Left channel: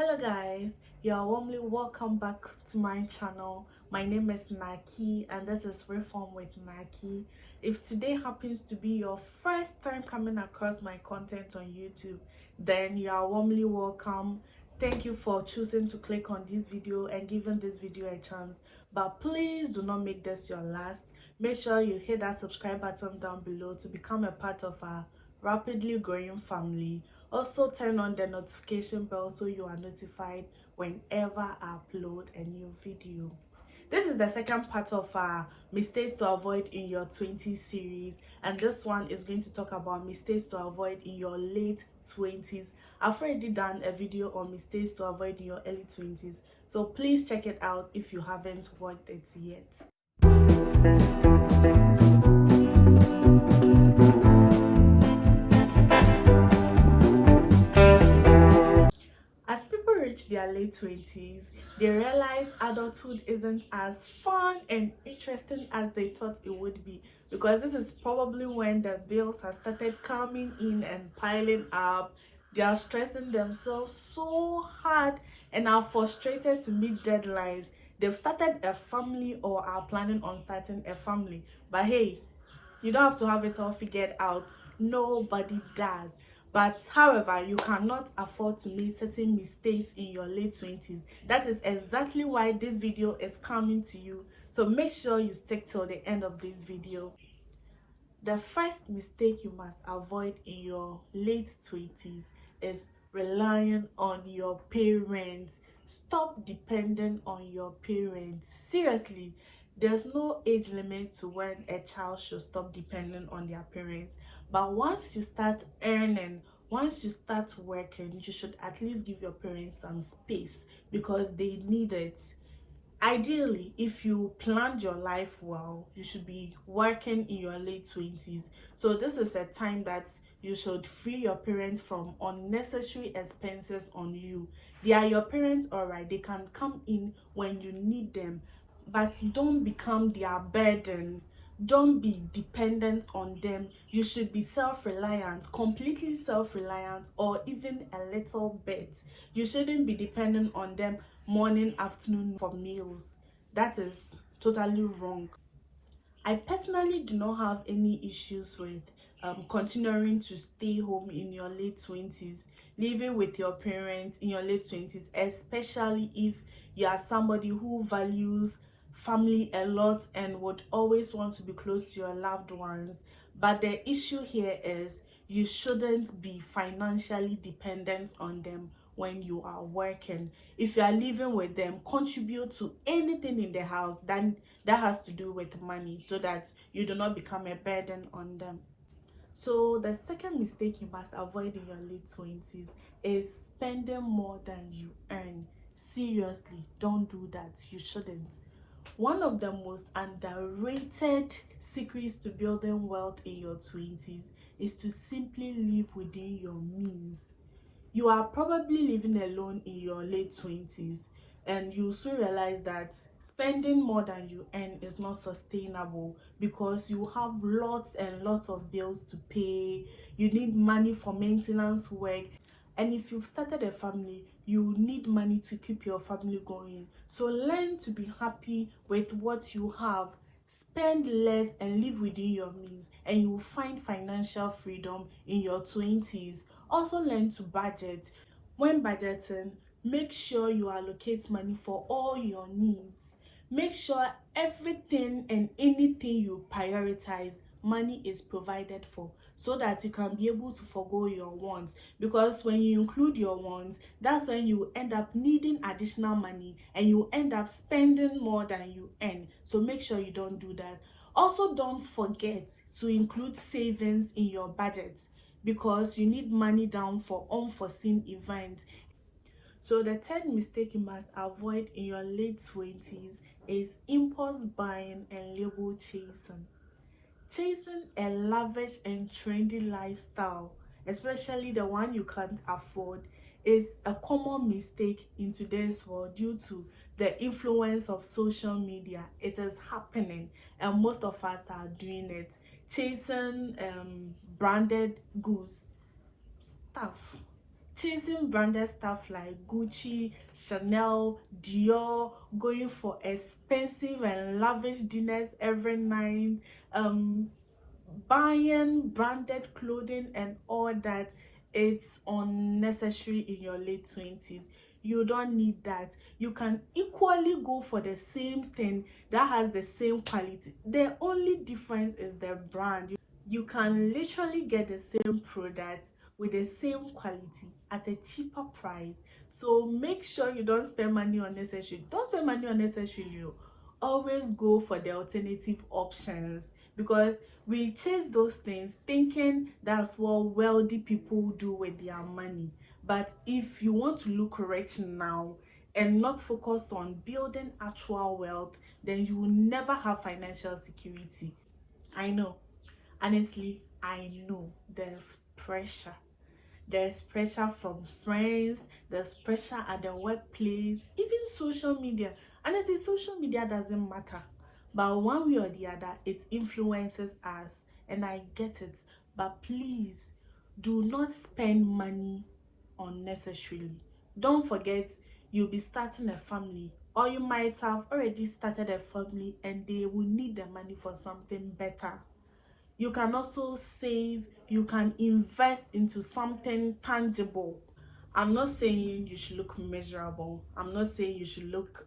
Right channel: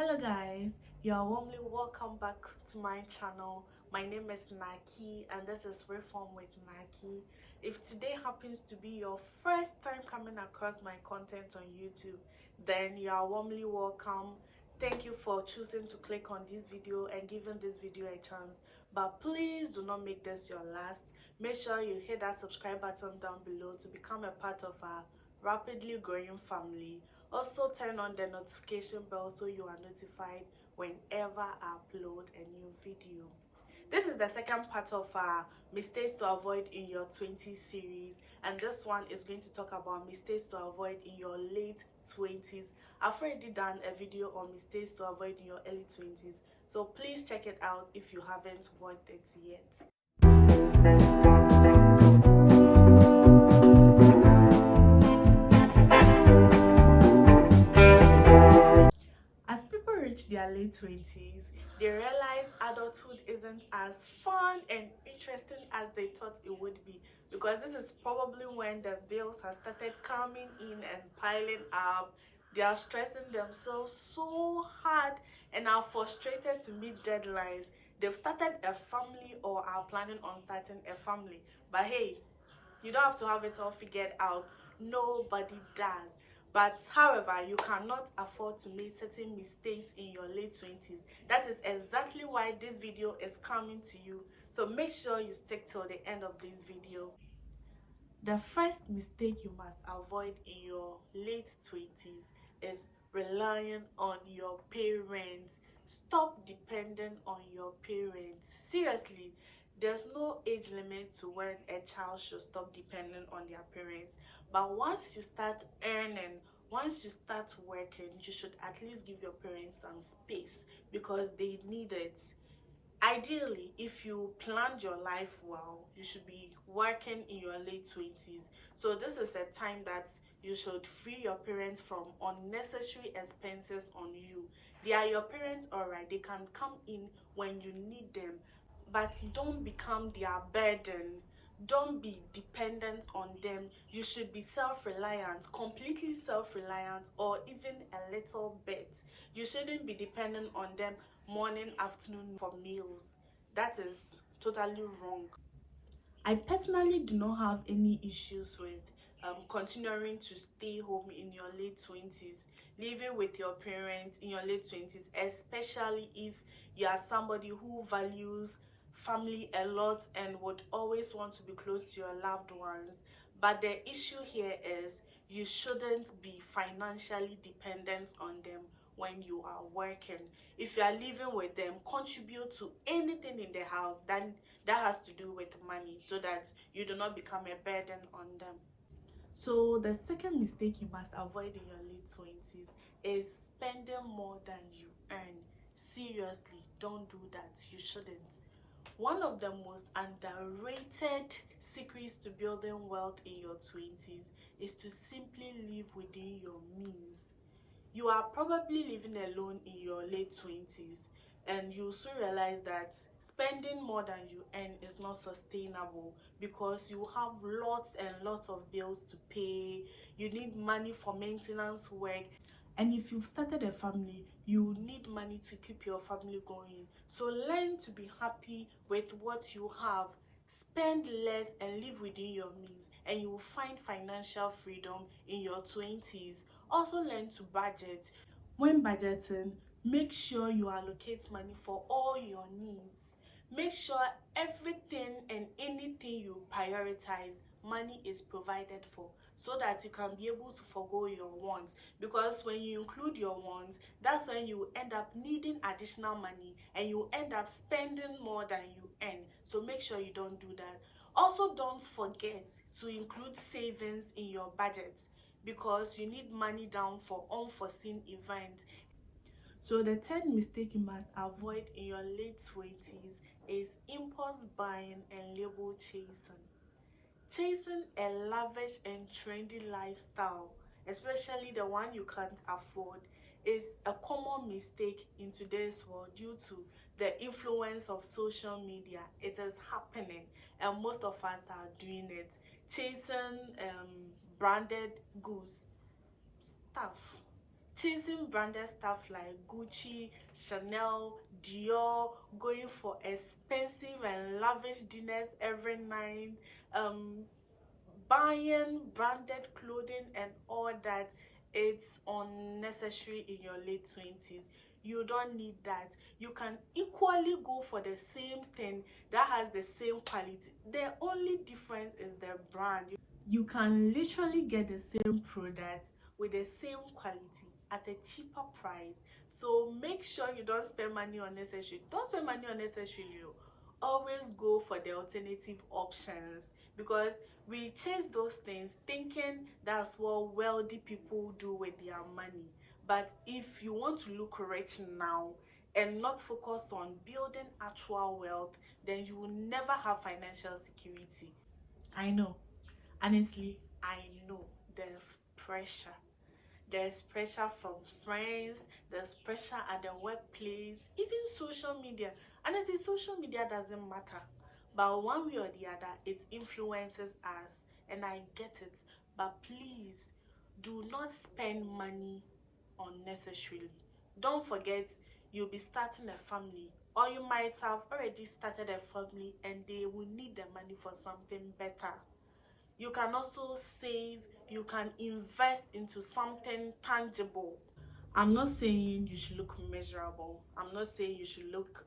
Hello guys, you're warmly welcome back to my channel. My name is Naki and this is Reform with Naki. If today happens to be your first time coming across my content on YouTube, then you are warmly welcome. Thank you for choosing to click on this video and giving this video a chance. But please do not make this your last. Make sure you hit that subscribe button down below to become a part of our rapidly growing family. Also turn on the notification bell so you are notified whenever I upload a new video. This is the second part of our mistakes to avoid in your 20s series, and this one is going to talk about mistakes to avoid in your late 20s. I've already done a video on mistakes to avoid in your early 20s, so please check it out if you haven't watched it yet. Their late 20s, they realize adulthood isn't as fun and interesting as they thought it would be, because this is probably when the bills have started coming in and piling up. They are stressing themselves so hard and are frustrated to meet deadlines. They've started a family or are planning on starting a family, but hey, you don't have to have it all figured out. Nobody does. But however, you cannot afford to make certain mistakes in your late 20s. That is exactly why this video is coming to you. So make sure you stick till the end of this video. The first mistake you must avoid in your late 20s is relying on your parents. Stop depending on your parents. Seriously, there's no age limit to when a child should stop depending on their parents. But once you start earning, once you start working, you should at least give your parents some space because they need it. Ideally, if you planned your life well, you should be working in your late 20s. So this is a time that you should free your parents from unnecessary expenses on you. They are your parents, all right, they can come in when you need them, but don't become their burden. Don't be dependent on them. You should be self-reliant, completely self-reliant, or even a little bit. You shouldn't be dependent on them morning, afternoon for meals. That is totally wrong. I personally do not have any issues with continuing to stay home in your late 20s, living with your parents in your late 20s, especially if you are somebody who values family a lot and would always want to be close to your loved ones. But the issue here is you shouldn't be financially dependent on them when you are working. If you are living with them, contribute to anything in the house that has to do with money so that you do not become a burden on them. So the second mistake you must avoid in your late 20s is spending more than you earn. Seriously, don't do that. You shouldn't. One of the most underrated secrets to building wealth in your 20s is to simply live within your means. You are probably living alone in your late 20s, and you soon realize that spending more than you earn is not sustainable because you have lots and lots of bills to pay. You need money for maintenance work, and if you've started a family, you need money to keep your family going. So learn to be happy with what you have. Spend less and live within your means, and you will find financial freedom in your 20s. Also learn to budget. When budgeting, make sure you allocate money for all your needs. Make sure everything and anything you prioritize, money is provided for, so that you can be able to forgo your wants. Because when you include your wants, that's when you end up needing additional money and you end up spending more than you earn. So make sure you don't do that. Also, don't forget to include savings in your budget, because you need money down for unforeseen events. So the third mistake you must avoid in your late 20s is impulse buying and label chasing. Chasing a lavish and trendy lifestyle, especially the one you can't afford, is a common mistake in today's world due to the influence of social media. It is happening and most of us are doing it. Chasing branded goods, stuff, chasing branded stuff like Gucci, Chanel, Dior, going for expensive and lavish dinners every night, buying branded clothing and all that. It's unnecessary in your late 20s. You don't need that. You can equally go for the same thing that has the same quality. The only difference is the brand. You can literally get the same product with the same quality at a cheaper price. So make sure you don't spend money unnecessarily. Don't spend money unnecessarily. Always go for the alternative options, because we chase those things thinking that's what wealthy people do with their money. But if you want to look rich now and not focus on building actual wealth, then you will never have financial security. I know. Honestly, I know there's pressure. There's pressure from friends, there's pressure at the workplace, even social media. And I say social media doesn't matter, but one way or the other, it influences us. And I get it. But please do not spend money unnecessarily. Don't forget, you'll be starting a family, or you might have already started a family and they will need the money for something better. You can also save, you can invest into something tangible. I'm not saying you should look miserable. I'm not saying you should look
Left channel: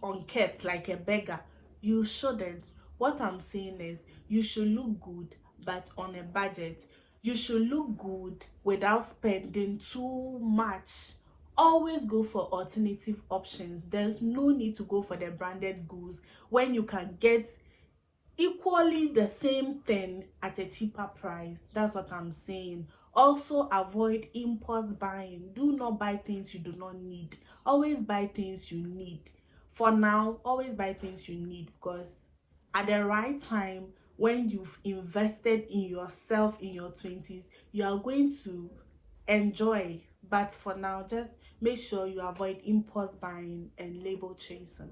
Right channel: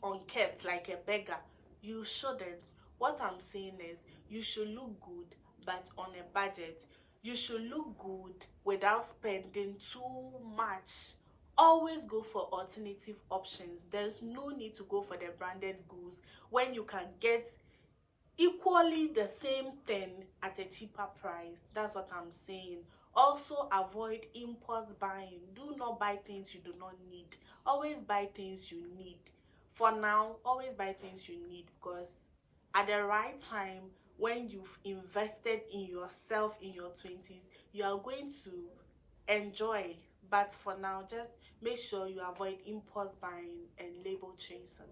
unkept like a beggar. You shouldn't. What I'm saying is you should look good, but on a budget. You should look good without spending too much. Always go for alternative options. There's no need to go for the branded goods when you can get equally the same thing at a cheaper price. That's what I'm saying. Also, avoid impulse buying. Do not buy things you do not need. Always buy things you need. For now, always buy things you need, because at the right time, when you've invested in yourself in your 20s, you are going to enjoy. But for now, just make sure you avoid impulse buying and label chasing.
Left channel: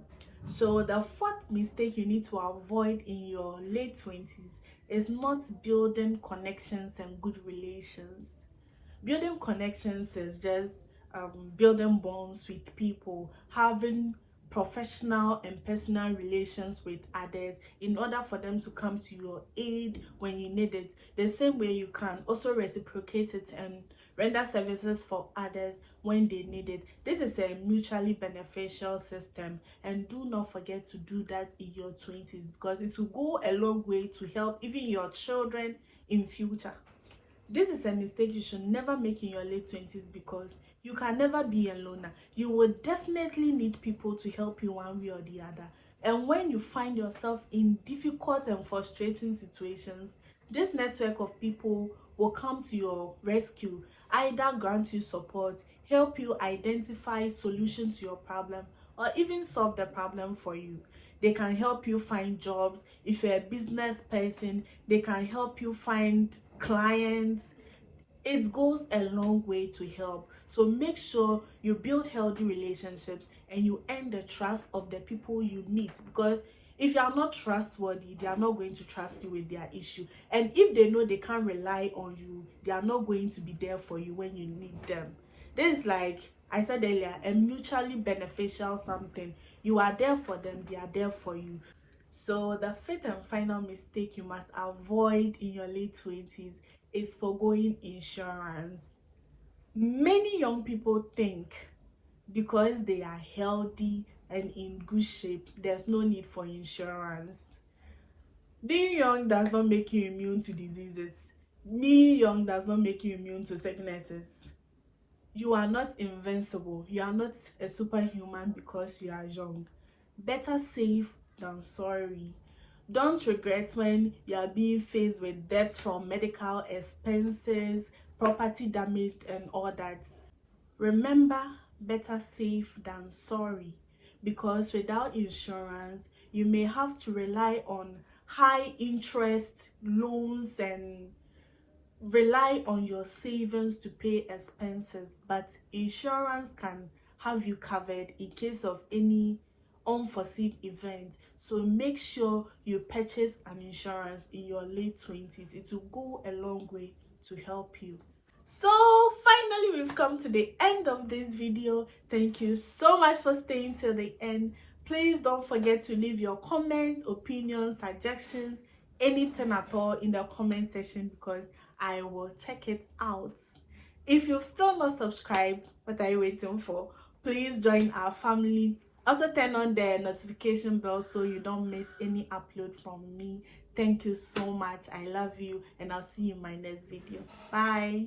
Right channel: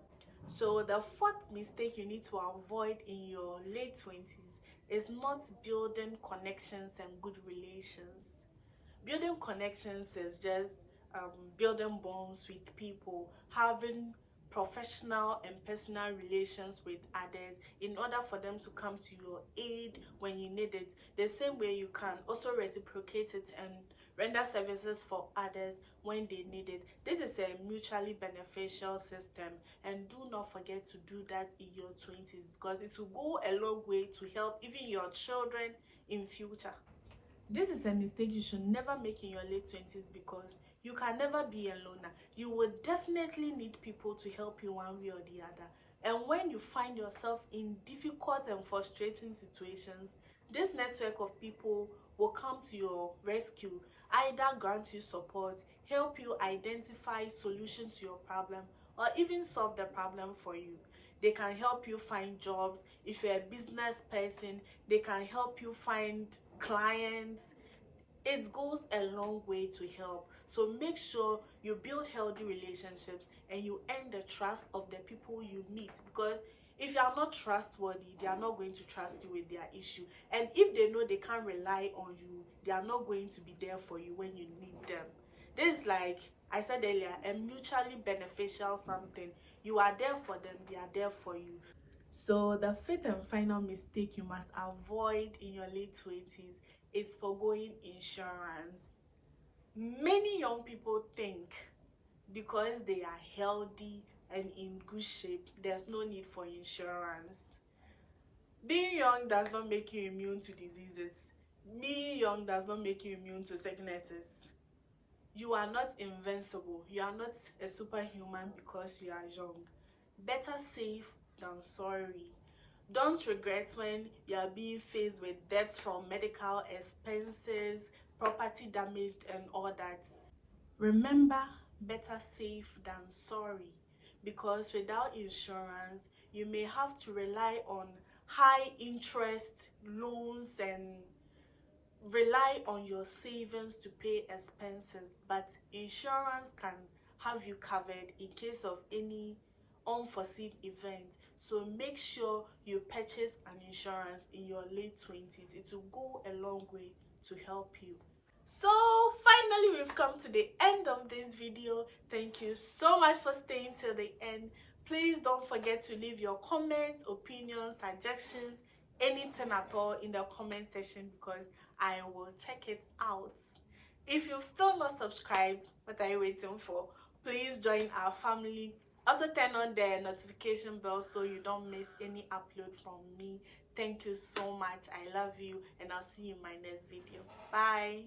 So the fourth mistake you need to avoid in your late 20s is not building connections and good relations. Building connections is just building bonds with people, having professional and personal relations with others in order for them to come to your aid when you need it. The same way you can also reciprocate it and render services for others when they need it. This is a mutually beneficial system, and do not forget to do that in your 20s, because it will go a long way to help even your children in future. This is a mistake you should never make in your late 20s, because you can never be a loner. You will definitely need people to help you one way or the other. And when you find yourself in difficult and frustrating situations, this network of people will come to your rescue, either grant you support, help you identify solutions to your problem, or even solve the problem for you. They can help you find jobs. If you're a business person, they can help you find clients. It goes a long way to help. So make sure you build healthy relationships and you earn the trust of the people you meet, because if you are not trustworthy, they are not going to trust you with their issue. And if they know they can't rely on you, they are not going to be there for you when you need them. This is, like I said earlier, a mutually beneficial something. You are there for them, they are there for you. So the fifth and final mistake you must avoid in your late 20s is forgoing insurance. Many young people think because they are healthy and in good shape, there's no need for insurance. Being young does not make you immune to diseases. Being young does not make you immune to sicknesses. You are not invincible. You are not a superhuman because you are young. Better safe than sorry. Don't regret when you are being faced with debts from medical expenses, property damage, and all that. Remember, better safe than sorry, because without insurance, you may have to rely on high interest loans and rely on your savings to pay expenses. But insurance can have you covered in case of any unforeseen event. So make sure you purchase an insurance in your late 20s. It will go a long way to help you. So finally, we've come to the end of this video. Thank you so much for staying till the end. Please don't forget to leave your comments, opinions, suggestions, anything at all in the comment section, because I will check it out. If you've still not subscribed, what are you waiting for? Please join our family. Also turn on the notification bell so you don't miss any upload from me. Thank you so much. I love you, and I'll see you in my next video. Bye.